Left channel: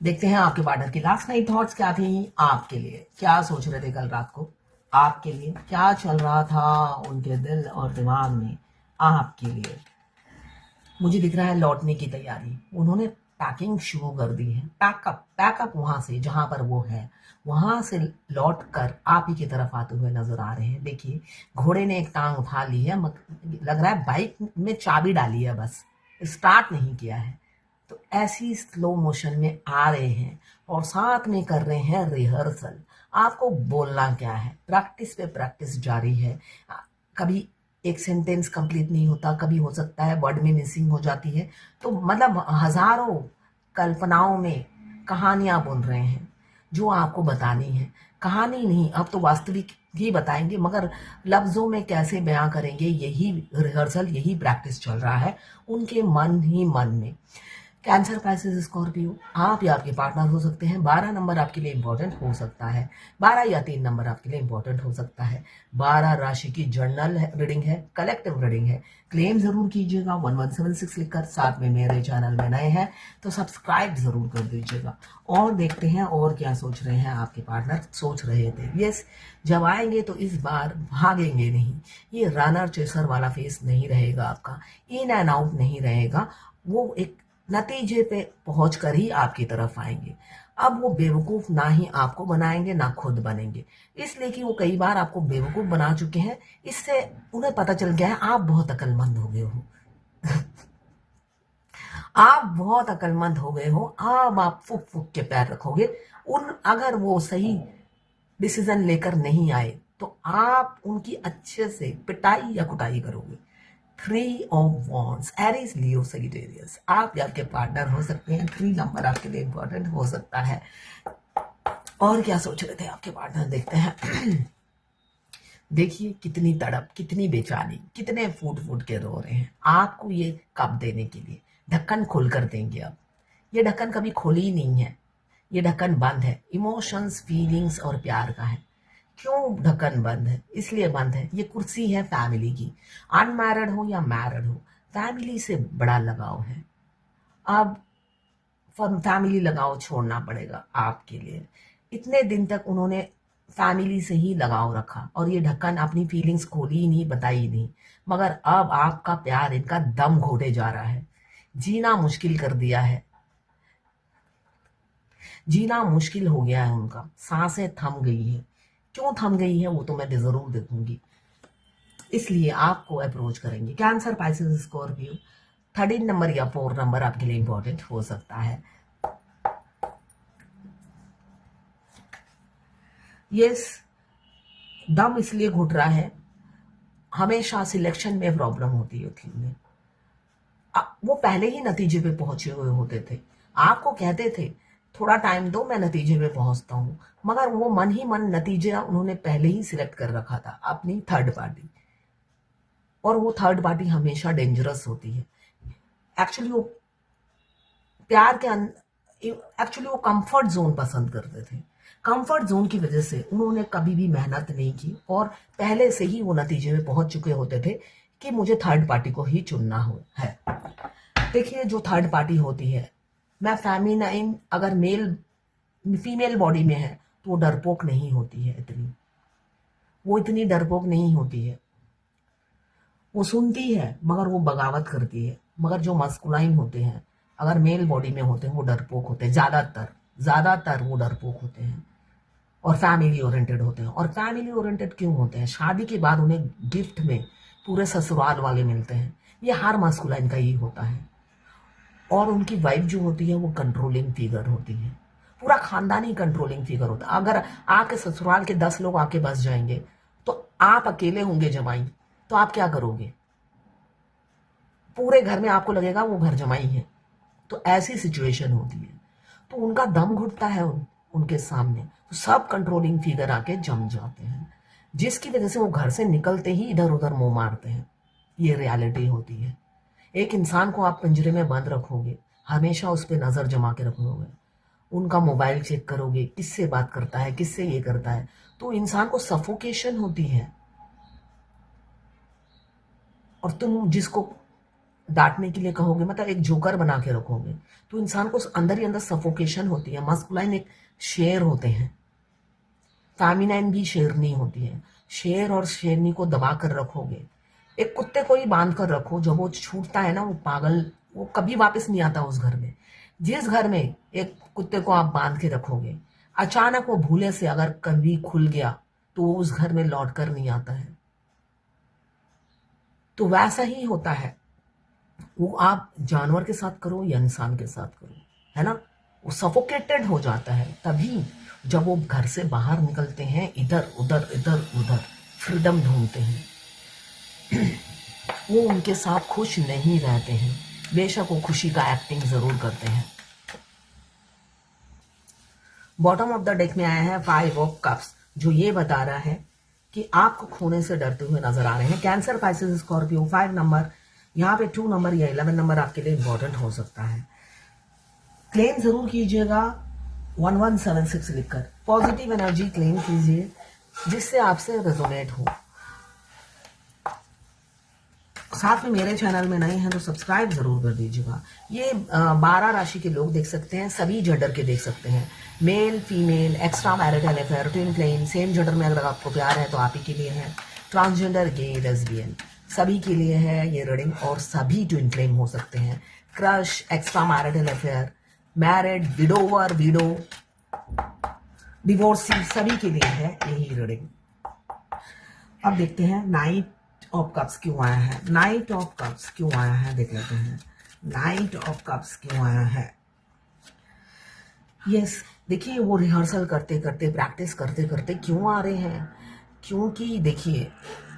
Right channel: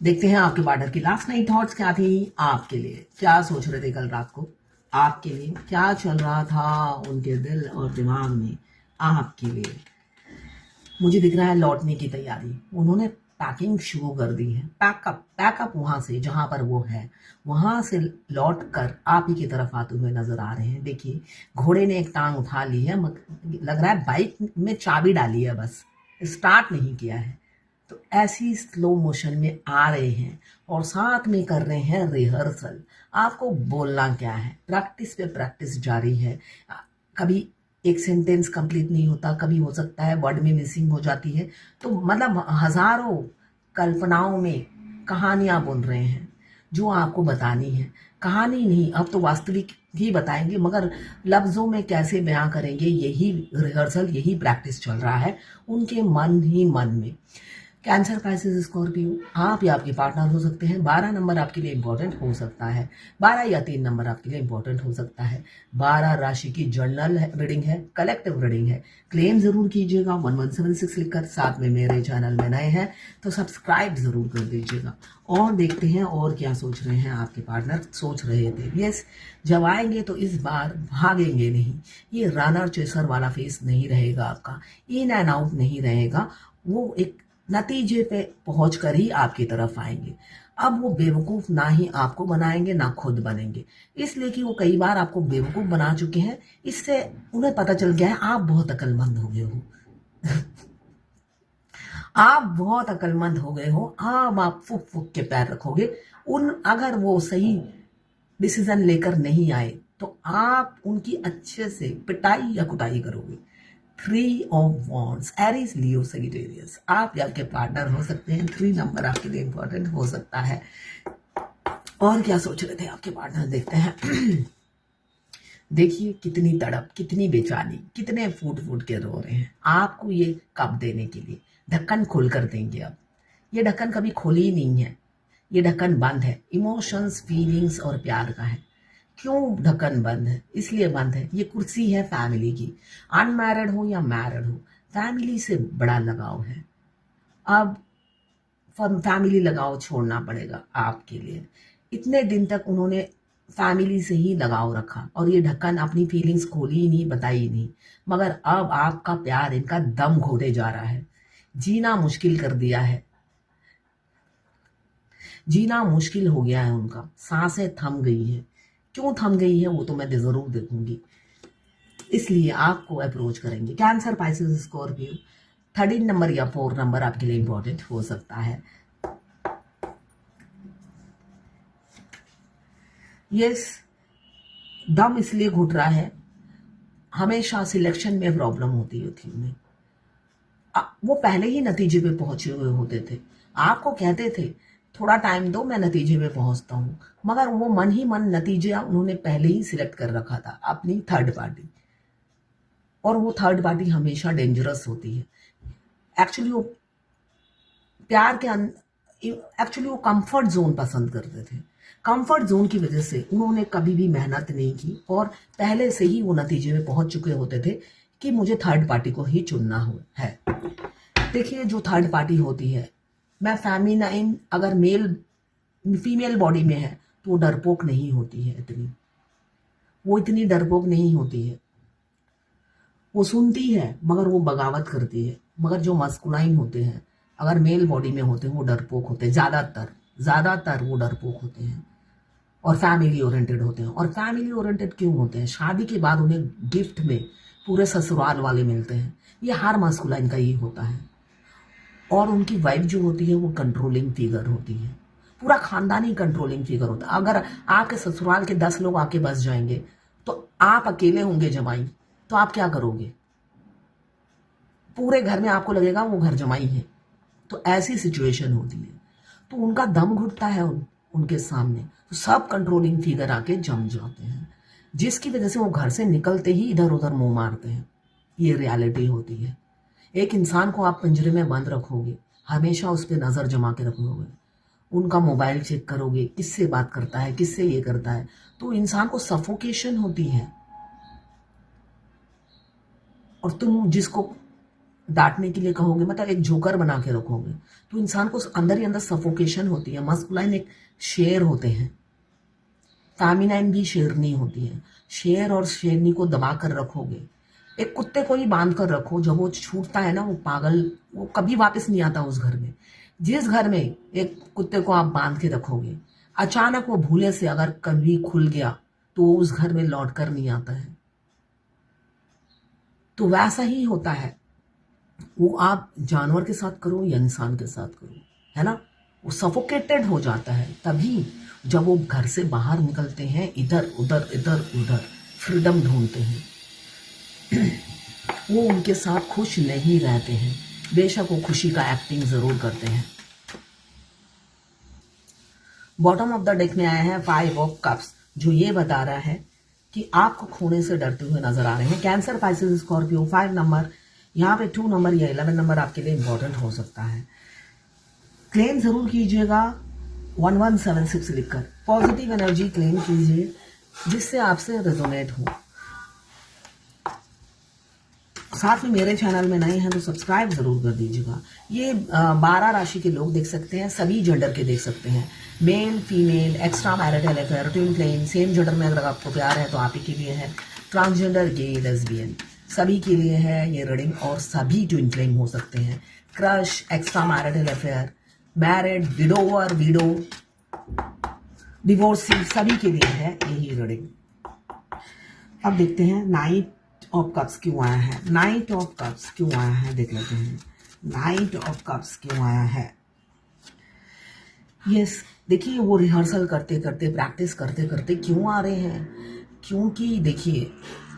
देखते हैं आपके पार्टनर की लास्ट नाइट थॉट्स क्या थी आपके लिए, क्या सोच रहे थे कल रात को, आपके लिए क्या चल रहा था उनके दिल और दिमाग में आपके लिए। मुझे दिख रहा है लौटने की तैयारी, उन्होंने पैकिंग शुरू कर दी है। पैकअप पैकअप वहां से जहां पर वो है वहां से लौट कर आप ही की तरफ आते हुए नजर आ रहे हैं। देखिए घोड़े ने एक टांग उठा ली है, लग रहा है बाइक में चाबी डाली है, बस स्टार्ट नहीं किया है। तो ऐसी स्लो मोशन में आ रहे हैं और साथ में कर रहे हैं रिहर्सल। आपको बोलना क्या है, प्रैक्टिस पे प्रैक्टिस जारी है। कभी एक सेंटेंस कंप्लीट नहीं होता, कभी हो सकता है वर्ड में मिसिंग हो जाती है। तो मतलब हजारों कल्पनाओं में कहानियां बुन रहे हैं जो आपको बतानी है। कहानी नहीं, अब तो वास्तविक ही बताएंगे, मगर लफ्जों में कैसे बयां करेंगे, यही रिहर्सल, यही प्रैक्टिस चल रहा है उनके मन ही मन में। कैंसर पैसेज स्कॉर्पियो, आप या आपके पार्टनर हो सकते हैं। 12 नंबर आपके लिए इंपॉर्टेंट हो सकता है, 12 या 3 नंबर आपके लिए इंपॉर्टेंट हो सकता है। 12 राशि की जर्नल रीडिंग है, कलेक्टिव रीडिंग है। क्लेम जरूर कीजिएगा 1176 लिखकर। साथ में मेरे चैनल में नए हैं तो सब्सक्राइब जरूर कर दीजिएगा। और देखते हैं और क्या सोच रहे हैं आपके पार्टनर। सोच रहे थे यस, जब आएंगे तो इस बार भागेंगे नहीं। ये रनर चेसर वाला फेस नहीं रहेगा आपका, इन एंड आउट नहीं रहेगा। वो एक नतीजे पे पहुंचकर ही आपकी तरफ आएंगे। अब वो बेवकूफ ना ही आपको बनाएंगे ना खुद बनेंगे, इसलिए कि वो कई बार आपको बेवकूफ बना चुके हैं। इससे उन्हें पता चल गया है आप बहुत अक्लमंद हो गए हो। आप बहुत अक्लमंद हो गए हो। अब आप फुक फुक के पैर रखोगे। उन अगर वो सही डिसीजन लेकर नहीं आए तो आप उनकी अच्छे से पिटाई या कुटाई करोगे। 3 of wands, Aries, Leo, Sagittarius, आप या आपके पार्टनर हो सकते हैं। 3 नंबर आपके लिए इंपॉर्टेंट हो सकता है। और क्या सोच रहे थे आपके पार्टनर, देखते हैं। देखिए कितनी तड़प, कितनी बेचैनी, कितने फूट फूट के रो रहे हैं आपको ये कप देने के लिए। ढक्कन खोल कर देंगे अब। ये ढक्कन कभी खोली ही नहीं है, ये ढक्कन बंद है। इमोशंस, फीलिंग्स और प्यार का है। क्यों ढक्कन बंद है? इसलिए बंद है, ये कुर्सी है फैमिली की। अनमैरिड हो या मैरिड हो, फैमिली से बड़ा लगाव है। अब फैमिली लगाव छोड़ना पड़ेगा आपके लिए। इतने दिन तक उन्होंने फैमिली से ही लगाव रखा और ये ढक्कन अपनी फीलिंग्स खोली ही नहीं, बताई ही नहीं। मगर अब आपका प्यार इनका दम घोटे जा रहा है। जीना मुश्किल कर दिया है, जीना मुश्किल हो गया है उनका। सांसें थम गई है। क्यों थम गई है वो तो मैं जरूर देखूंगी, इसलिए आपको अप्रोच करेंगे। कैंसर, पाइसेस, स्कॉर्पियो, 13 नंबर या 4 नंबर आपके लिए इंपॉर्टेंट हो सकता है। यस, दम इसलिए घुट रहा है, हमेशा सिलेक्शन में प्रॉब्लम होती थी उन्हें। वो पहले ही नतीजे पे पहुंचे हुए होते थे। आपको कहते थे थोड़ा टाइम दो, मैं नतीजे पे पहुंचता हूं, मगर वो मन ही मन नतीजे उन्होंने पहले ही सिलेक्ट कर रखा था, अपनी थर्ड पार्टी। और वो थर्ड पार्टी हमेशा डेंजरस होती है। एक्चुअली वो प्यार के एक्चुअली वो कंफर्ट जोन पसंद करते थे। कंफर्ट जोन की वजह से उन्होंने कभी भी मेहनत नहीं की और पहले से ही वो नतीजे में पहुंच चुके होते थे कि मुझे थर्ड पार्टी को ही चुनना हो है। देखिए जो थर्ड पार्टी होती है, मैं फेमिनाइन अगर मेल फीमेल बॉडी में है तो वो डरपोक नहीं होती है इतनी, वो इतनी डरपोक नहीं होती है। वो सुनती है मगर वो बगावत करती है। मगर जो मस्कुलाइन होते हैं, अगर मेल बॉडी में होते हैं, वो डरपोक होते हैं। ज्यादातर ज्यादातर वो डरपोक होते हैं और फैमिली ओरिएंटेड होते हैं। और फैमिली ओरिएंटेड क्यों होते हैं? शादी के बाद उन्हें गिफ्ट में पूरे ससुराल वाले मिलते हैं। ये हर मस्कुलाइन का ही होता है। और उनकी वाइफ जो होती है वो कंट्रोलिंग फिगर होती है। पूरा खानदान ही कंट्रोलिंग फिगर होता है। अगर आपके ससुराल के 10 लोग आके बस जाएंगे तो आप अकेले होंगे जमाई, तो आप क्या करोगे? पूरे घर में आपको लगेगा वो घर जमाई है। तो ऐसी सिचुएशन होती है, तो उनका दम घुटता है उनके सामने, तो सब कंट्रोलिंग फिगर आके जम जाते हैं, जिसकी वजह से वो घर से निकलते ही इधर उधर मुंह मारते हैं। ये रियलिटी होती है। एक इंसान को आप पिंजरे में बंद रखोगे, हमेशा उस पर नजर जमा के रखोगे, उनका मोबाइल चेक करोगे, किससे बात करता है, किससे ये करता है, तो इंसान को सफोकेशन होती है। और तुम जिसको डांटने के लिए कहोगे, मतलब एक जोकर बना के रखोगे, तो इंसान को अंदर ही अंदर सफोकेशन होती है। मस्कुलाइन एक शेर होते हैं, फेमिनाइन भी शेरनी होती है। शेर और शेरनी को दबा कर रखोगे। एक कुत्ते को ही बांध कर रखो, जब वो छूटता है ना, वो पागल, वो कभी वापस नहीं आता उस घर में। जिस घर में एक कुत्ते को आप बांध के रखोगे, अचानक वो भूले से अगर कभी खुल गया तो वो उस घर में लौट कर नहीं आता है। तो वैसा ही होता है, वो आप जानवर के साथ करो या इंसान के साथ करो, है ना, वो सफोकेटेड हो जाता है। तभी जब वो घर से बाहर निकलते हैं, इधर उधर फ्रीडम ढूंढते हैं, वो उनके साथ खुश नहीं रहते हैं, बेशक वो खुशी का एक्टिंग जरूर करते हैं। बॉटम ऑफ द डेक में आया है 5 ऑफ कप्स, जो ये बता रहा है कि आपको खोने से डरते हुए नजर आ रहे हैं। कैंसर, पाइसेस, स्कॉर्पियो, 5 नंबर, यहाँ पे 2 नंबर या 11 नंबर आपके लिए इंपॉर्टेंट हो सकता है। क्लेम जरूर कीजिएगा 1176 लिखकर। पॉजिटिव एनर्जी क्लेम कीजिए जिससे आपसे रेजोनेट हो। साथ में मेरे चैनल में नए हैं तो सब्सक्राइब जरूर कर दीजिएगा। ये 12 राशि के लोग देख सकते हैं, सभी जेंडर के देख सकते हैं, male, female, extra marital affair, twin flame, same gender में अगर आपको प्यार है तो आप ही के लिए है, ट्रांसजेंडर, गे, लेस्बियन, सभी के लिए है ये रीडिंग। और सभी ट्विन फ्लेम हो सकते हैं, crush, extra marital affair, married, widower, window, divorcee, सभी के लिए है यही रीडिंग। अब देखते हैं नाइट ऑफ कप्स क्यों आया है। नाइट ऑफ कप्स क्यों आया है देख लेते हैं। नाइट ऑफ कप्स क्यों आया है। यस, देखिए वो रिहर्सल करते करते, प्रैक्टिस करते करते क्यों आ रहे हैं, क्योंकि देखिए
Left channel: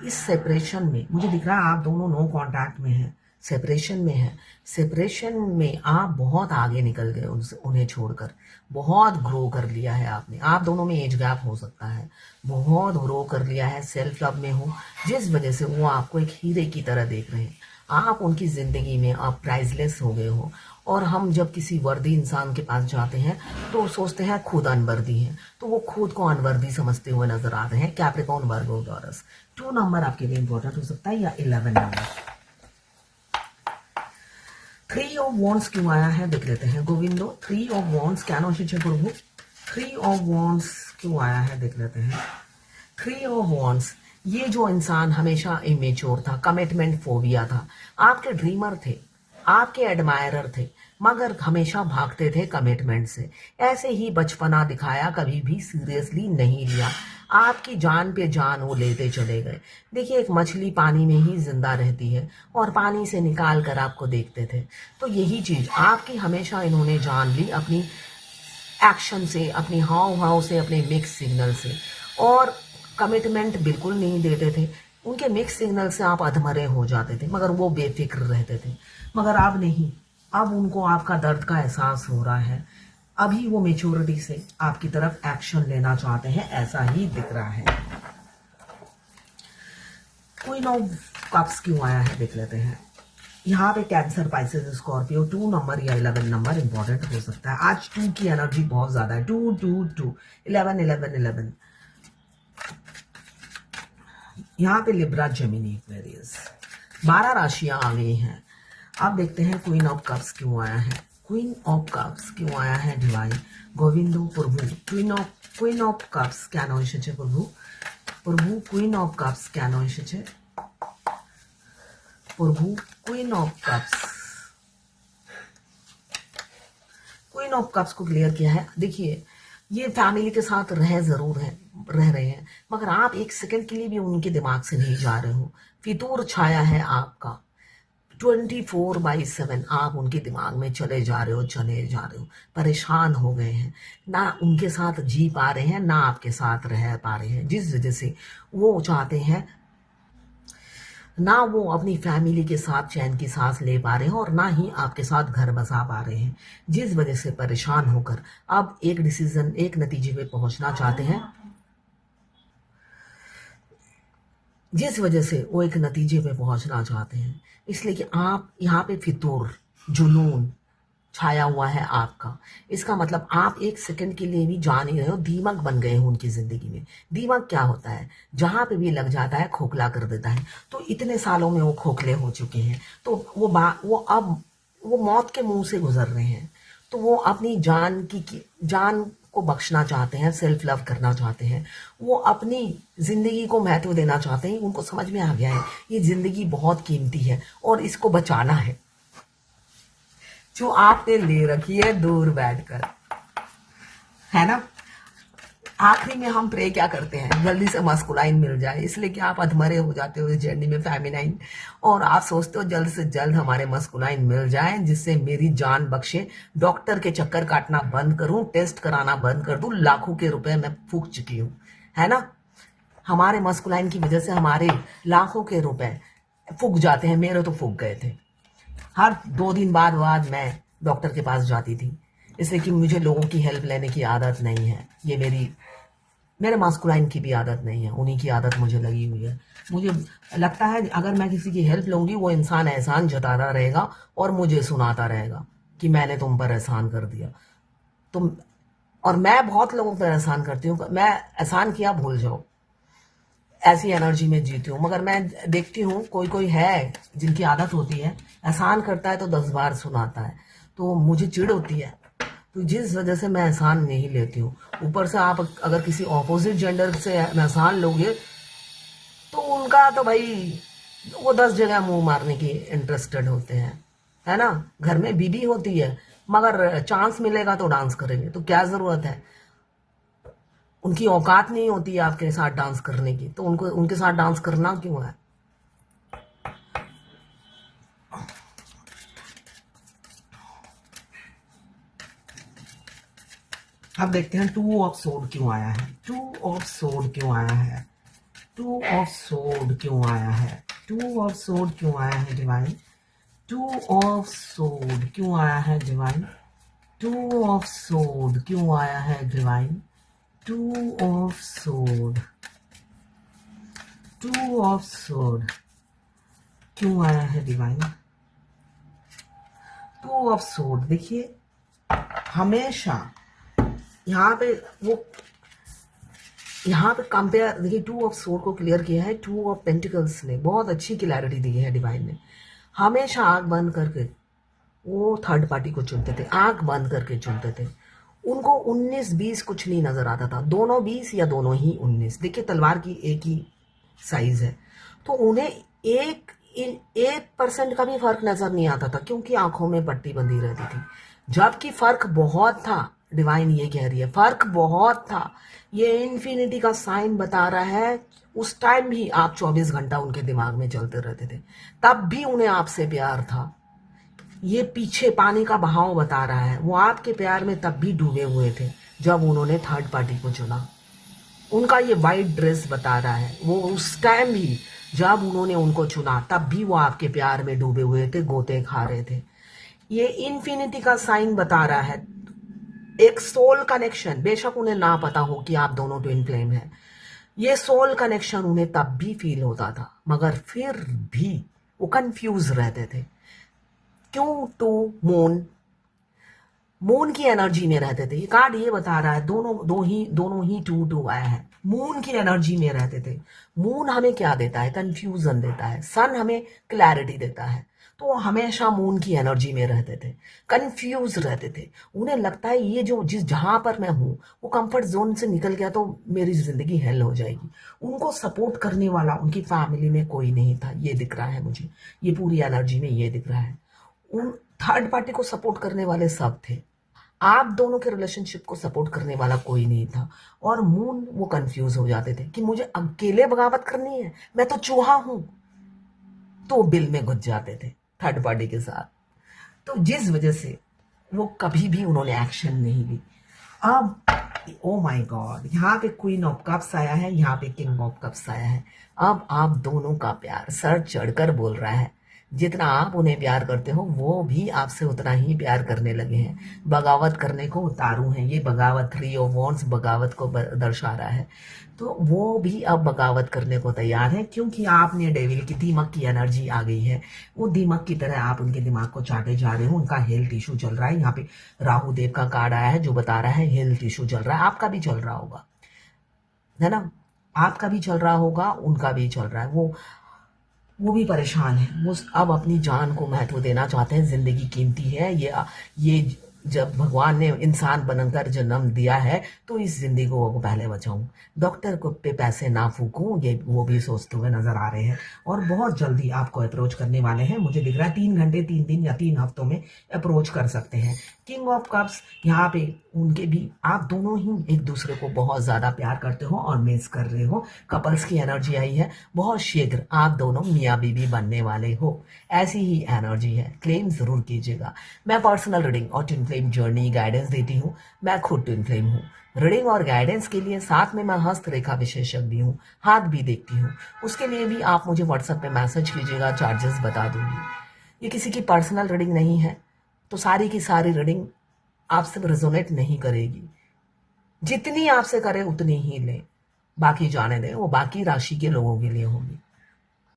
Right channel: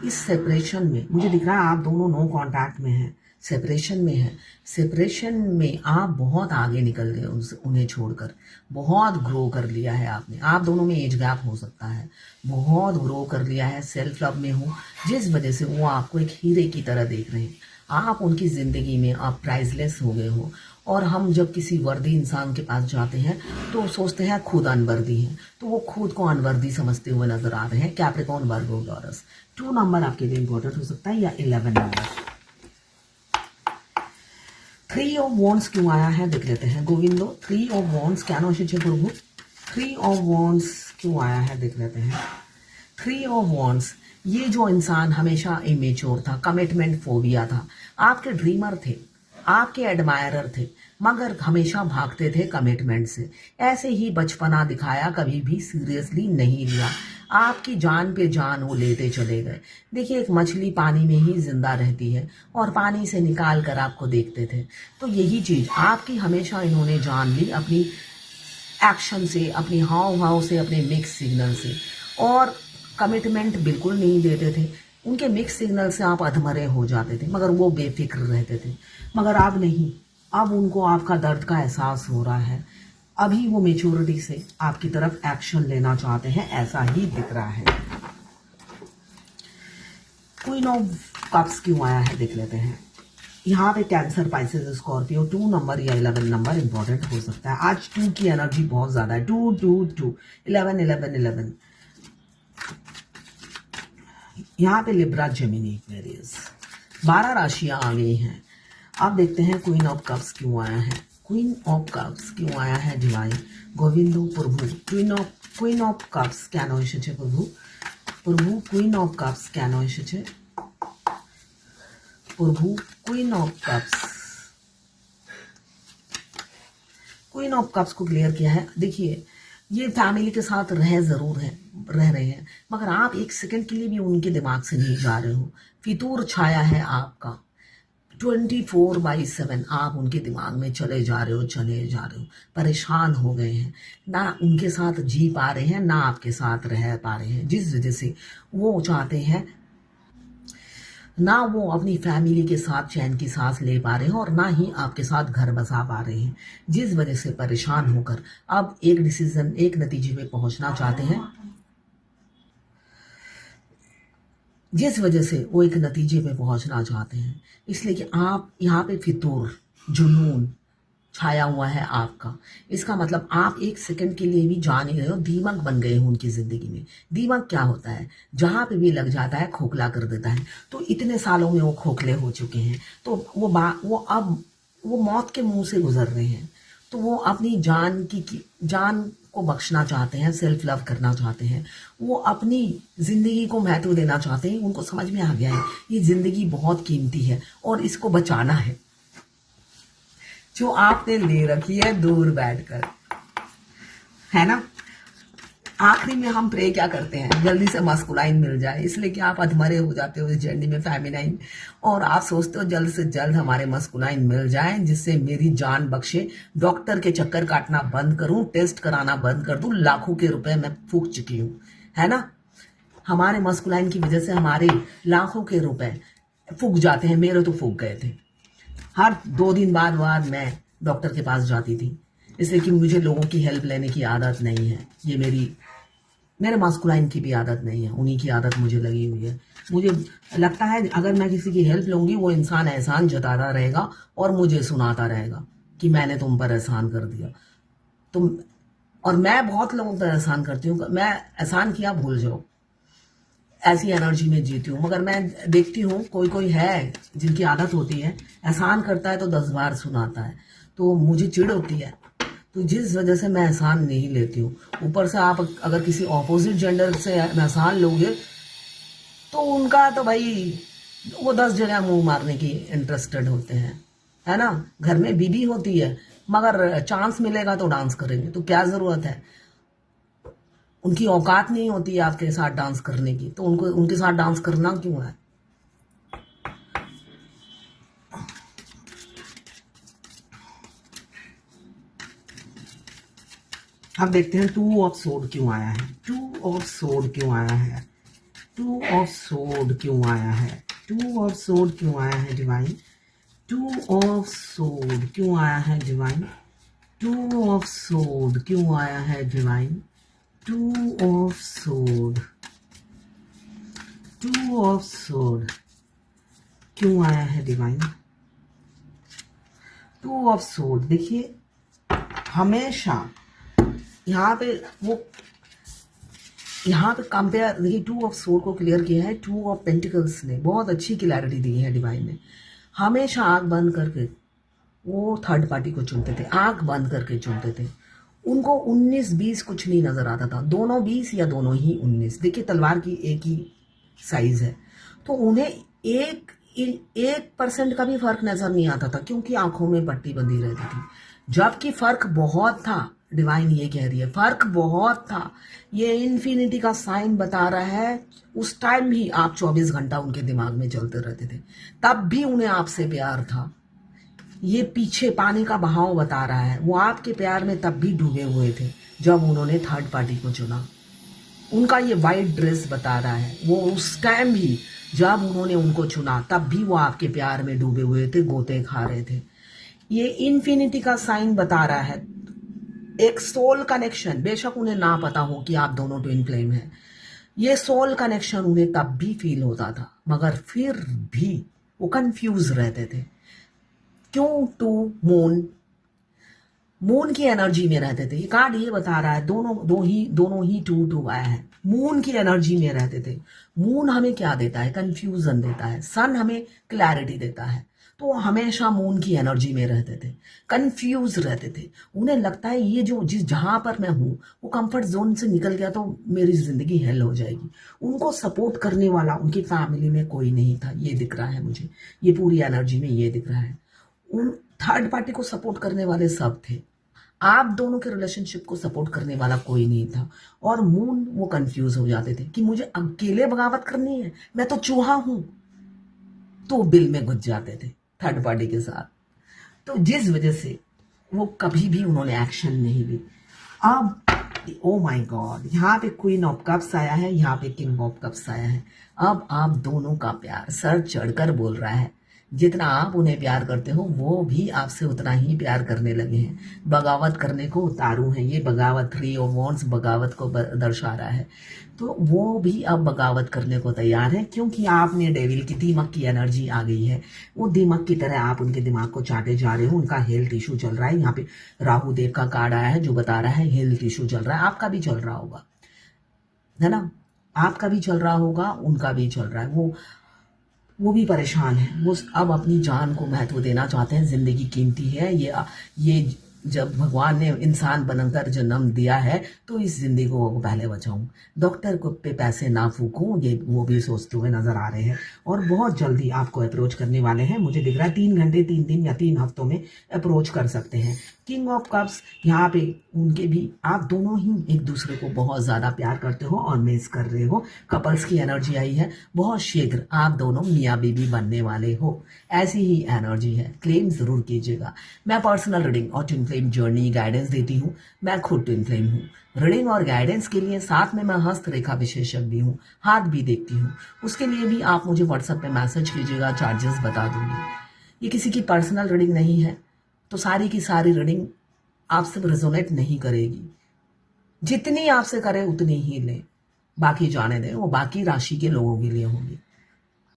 इस सेपरेशन में मुझे दिख रहा है आप दोनों नो कांटेक्ट में हैं, सेपरेशन में है। सेपरेशन में आप बहुत आगे निकल गए उन्हें छोड़कर, बहुत ग्रो कर लिया है आपने। आप दोनों में एज गैप हो सकता है, बहुत ग्रो कर लिया है, सेल्फ लव में हो, जिस वजह से वो आपको एक हीरे की तरह देख रहे हैं। आप उनकी जिंदगी में आप प्राइसलेस हो गए हो। और हम जब किसी वर्दी इंसान के पास जाते हैं तो सोचते हैं खुद अनवर्दी है, तो वो खुद को अनवर्दी समझते हुए नजर आ रहे हैं। कैप्रिकॉर्न, वर्गो, टॉरस। 2 नंबर आपके लिए इंपॉर्टेंट हो सकता है या 11 नंबर। 3 ऑफ वॉन्ड्स क्यों आया है देख लेते हैं गोविंदो। 3 ऑफ वॉन्ड्स क्या प्रभु। 3 ऑफ वॉन्ड्स क्यों आया है देख लेते हैं। 3 ऑफ वॉन्ड्स, ये जो इंसान हमेशा इमेच्योर था, कमिटमेंट फोबिया था, आपके ड्रीमर थे, आपके एडमायरर थे, मगर हमेशा भागते थे कमिटमेंट से। ऐसे ही बचपना दिखाया, कभी भी सीरियसली नहीं लिया। आपकी जान पे जान वो लेते चले गए। देखिए एक मछली पानी में ही जिंदा रहती है और पानी से निकाल कर आपको देखते थे। तो यही चीज आपकी हमेशा इन्होंने जान ली, अपनी एक्शन से, अपनी हाव भाव से, अपने मिक्स सिग्नल से। और कमिटमेंट बिल्कुल नहीं देते थे। उनके मिक्स सिग्नल से आप अधमरे हो जाते थे, मगर वो बेफिक्र रहते थे। मगर अब नहीं, अब उनको आपका दर्द का एहसास हो रहा है। अभी वो मेच्योरिटी से आपकी तरफ एक्शन लेना चाहते हैं, ऐसा ही दिख रहा है। क्वीन ऑफ कप्स क्यों आया है देख लेते हैं। यहाँ पे कैंसर, पाइसेस, स्कॉर्पियो, 2 नंबर या 11 नंबर इंपॉर्टेंट हो सकता है। आज 2 की एनर्जी बहुत ज्यादा है। 2 2 2 11 11 11। यहाँ पे लिब्रा, जेमिनी, एक्वेरियस, 12 राशियां आ गई हैं। अब देखते हैं क्वीन ऑफ कप्स क्यों आया है। क्वीन ऑफ कप्स क्यों आया है डिवाइन गोविंदो प्रभु। क्वीन ऑफ कप्स কেন এসেছে প্রভু। প্রভু क्वीन ऑफ कप्स কেন এসেছে प्रभु। Queen of cups, queen of cups को क्लियर किया है। देखिए ये फैमिली के साथ रह रहे हैं, मगर आप एक सेकंड के लिए भी उनके दिमाग से नहीं जा रहे हो। फितूर छाया है आपका, 24/7 आप उनके दिमाग में चले जा रहे हो, परेशान हो गए हैं, ना उनके साथ जी पा रहे हैं, ना आपके साथ रह पा रहे हैं, जिस वजह से वो चाहते हैं, ना वो अपनी फैमिली के साथ चैन की सांस ले पा रहे हैं और ना ही आपके साथ घर बसा पा रहे हैं, जिस वजह से परेशान होकर अब एक डिसीजन, एक नतीजे पे पहुंचना चाहते हैं, जिस वजह से वो एक नतीजे पे पहुंचना चाहते हैं। इसलिए कि आप यहाँ पे फितूर, जुनून छाया हुआ है आपका। इसका मतलब आप एक सेकंड के लिए भी जान नहीं रहे हो, दीमक बन गए हो उनकी जिंदगी में। दीमक क्या होता है? जहां पे भी लग जाता है खोखला कर देता है। तो इतने सालों में वो खोखले हो चुके हैं, तो वो अब वो मौत के मुंह से गुजर रहे हैं। तो वो अपनी जान को बख्शना चाहते हैं, सेल्फ लव करना चाहते हैं, वो अपनी जिंदगी को महत्व देना चाहते हैं। उनको समझ में आ गया है ये जिंदगी बहुत कीमती है और इसको बचाना है, जो आपने ले रखी है दूर बैठकर, है ना। आखिरी में हम प्रे क्या करते हैं? जल्दी से मस्कुलाइन मिल जाए, इसलिए कि आप अधमरे हो जाते हो इस जर्नी में फेमिनाइन, और आप सोचते हो जल्द से जल्द हमारे मस्कुलाइन मिल जाए जिससे मेरी जान बख्शे, डॉक्टर के चक्कर काटना बंद करूं, टेस्ट कराना बंद कर दूं, लाखों के रुपए मैं फूक चुकी हूं, है ना। हमारे मस्कुलाइन की वजह से हमारे लाखों के रुपए फूक जाते हैं। मेरे तो फूक गए थे। हर 2 दिन बाद मैं डॉक्टर के पास जाती थी, इसलिए कि मुझे लोगों की हेल्प लेने की आदत नहीं है। ये मेरे मास्कुलाइन की भी आदत नहीं है, उन्हीं की आदत मुझे लगी हुई है। मुझे लगता है अगर मैं किसी की हेल्प लूंगी, वो इंसान एहसान जताता रहेगा और मुझे सुनाता रहेगा कि मैंने तुम पर एहसान कर दिया। तुम और मैं बहुत लोगों पर एहसान करती हूँ, मैं एहसान किया भूल जाओ, ऐसी एनर्जी में जीती हूँ। मगर मैं देखती हूँ कोई कोई है जिनकी आदत होती है, एहसान करता है तो 10 बार सुनाता है, तो मुझे चिढ़ होती है। तो जिस वजह से मैं एहसान नहीं लेती हूँ। ऊपर से आप अगर किसी ऑपोजिट जेंडर से एहसान लोगे तो उनका तो भाई वो 10 जगह मुंह मारने की इंटरेस्टेड होते हैं, है ना। घर में बीबी होती है, मगर चांस मिलेगा तो डांस करेंगे, तो क्या जरूरत है? उनकी औकात नहीं होती है आपके साथ डांस करने की, तो उनको उनके साथ डांस करना क्यों है? अब देखते हैं 2 ऑफ सोड क्यों आया है। 2 ऑफ सोड क्यों आया है? 2 ऑफ सोड क्यों आया है? 2 ऑफ सोड क्यों आया है डिवाइन? 2 ऑफ सोड क्यों आया है डिवाइन? 2 ऑफ सोड क्यों आया है डिवाइन? 2 ऑफ सोड, 2 ऑफ सोड क्यों आया है डिवाइन? 2 ऑफ सोड देखिए, हमेशा यहाँ पे कंपेयर देखिए, 2 ऑफ सोड को क्लियर किया है 2 ऑफ पेंटिकल्स ने, बहुत अच्छी क्लैरिटी दी है डिवाइन ने। हमेशा आंख बंद करके वो थर्ड पार्टी को चुनते थे, आंख बंद करके चुनते थे। उनको 19-20 कुछ नहीं नजर आता था, दोनों 20 या दोनों ही 19। देखिए तलवार की एक ही साइज है, तो उन्हें 1% का भी फर्क नजर नहीं आता था, क्योंकि आंखों में पट्टी बंधी रहती थी। जबकि फर्क बहुत था, डिवाइन ये कह रही है फर्क बहुत था। ये इन्फिनिटी का साइन बता रहा है, उस टाइम भी आप 24 घंटा उनके दिमाग में चलते रहते थे, तब भी उन्हें आपसे प्यार था। ये पीछे पानी का बहाव बता रहा है, वो आपके प्यार में तब भी डूबे हुए थे जब उन्होंने थर्ड पार्टी को चुना। उनका ये वाइट ड्रेस बता रहा है, वो उस टाइम भी जब उन्होंने उनको चुना तब भी वो आपके प्यार में डूबे हुए थे, गोते खा रहे थे। ये इन्फिनिटी का साइन बता रहा है, एक सोल कनेक्शन। बेशक उन्हें ना पता हो कि आप दोनों ट्विन फ्लेम हैं, ये सोल कनेक्शन उन्हें तब भी फील होता था, मगर फिर भी वो कंफ्यूज रहते थे। क्यों? टू मून की एनर्जी में रहते थे। ये कार्ड ये बता रहा है दोनों ही टू आया है, मून की एनर्जी में रहते थे। मून हमें क्या देता है? कंफ्यूजन देता है। सन हमें क्लैरिटी देता है। तो वो हमेशा मून की एनर्जी में रहते थे, कंफ्यूज रहते थे। उन्हें लगता है ये जहां पर मैं हूं वो कंफर्ट जोन से निकल गया तो मेरी जिंदगी हेल हो जाएगी। उनको सपोर्ट करने वाला उनकी फैमिली में कोई नहीं था, ये दिख रहा है मुझे, ये पूरी एनर्जी में ये दिख रहा है। उन थर्ड पार्टी को सपोर्ट करने वाले सब थे, आप दोनों के रिलेशनशिप को सपोर्ट करने वाला कोई नहीं था। और मून वो कंफ्यूज हो जाते थे कि मुझे अकेले बगावत करनी है, मैं तो चूहा हूं, तो बिल में घुस जाते थे थर्ड पार्टी के साथ। तो जिस वजह से वो कभी भी उन्होंने एक्शन नहीं ली। अब ओ माय गॉड, यहाँ पे क्वीन ऑफ कप्स आया है, यहाँ पे किंग ऑफ कप्स आया है। अब आप दोनों का प्यार सर चढ़कर बोल रहा है जितना आप उन्हें प्यार करते हो वो भी आपसे उतना ही प्यार करने लगे हैं। बगावत करने को उतारू हैं, ये बगावत 3 ऑफ वॉन्ड्स बगावत को दर्शा रहा है। तो वो भी अब बगावत करने को तैयार है, क्योंकि आपने डेविल की दीमक की एनर्जी आ गई है। वो दीमक की तरह आप उनके दिमाग को चाटे जा रहे हो। उनका हेल्थ इशू चल रहा है। यहाँ पे राहु देव का कार्ड आया है जो बता रहा है हेल्थ इशू चल रहा है। आपका भी चल रहा होगा, है ना? आपका भी चल रहा होगा, उनका भी चल रहा है। वो भी परेशान है। वो अब अपनी जान को महत्व देना चाहते हैं। जिंदगी कीमती है। ये जब भगवान ने इंसान बनकर जन्म दिया है तो इस जिंदगी को पहले बचाऊं, डॉक्टर को पे पैसे ना फूकूं, ये वो भी सोचते हुए नजर आ रहे हैं। और बहुत जल्दी आपको अप्रोच करने वाले हैं। मुझे दिख रहा है 3 घंटे, 3 दिन या 3 हफ्तों में अप्रोच कर सकते हैं। किंग ऑफ कप्स यहाँ पे उनके भी, आप दोनों ही एक दूसरे को बहुत ज्यादा प्यार करते हो और मिस कर रहे हो। कपल्स की एनर्जी आई है। बहुत शीघ्र आप दोनों मियाँ बीवी बनने वाले हो, ऐसी ही एनर्जी है। क्लेम जरूर कीजिएगा। मैं पर्सनल रीडिंग और ट्विन फ्लेम जर्नी गाइडेंस देती हूँ। मैं खुद ट्विन फ्लेम हूँ। रीडिंग और गाइडेंस के लिए साथ में मैं हस्तरेखा विशेषज्ञ भी हूँ, हाथ भी देखती हूँ। उसके लिए भी आप मुझे व्हाट्सएप पे मैसेज कीजिएगा, चार्जेस बता दूंगी। ये किसी की पर्सनल रीडिंग नहीं है, तो सारी की सारी रीडिंग आपसे रेजोनेट नहीं करेगी। जितनी आपसे करे उतनी ही ले, बाकी जाने दें, वो बाकी राशि के लोगों के लिए होगी।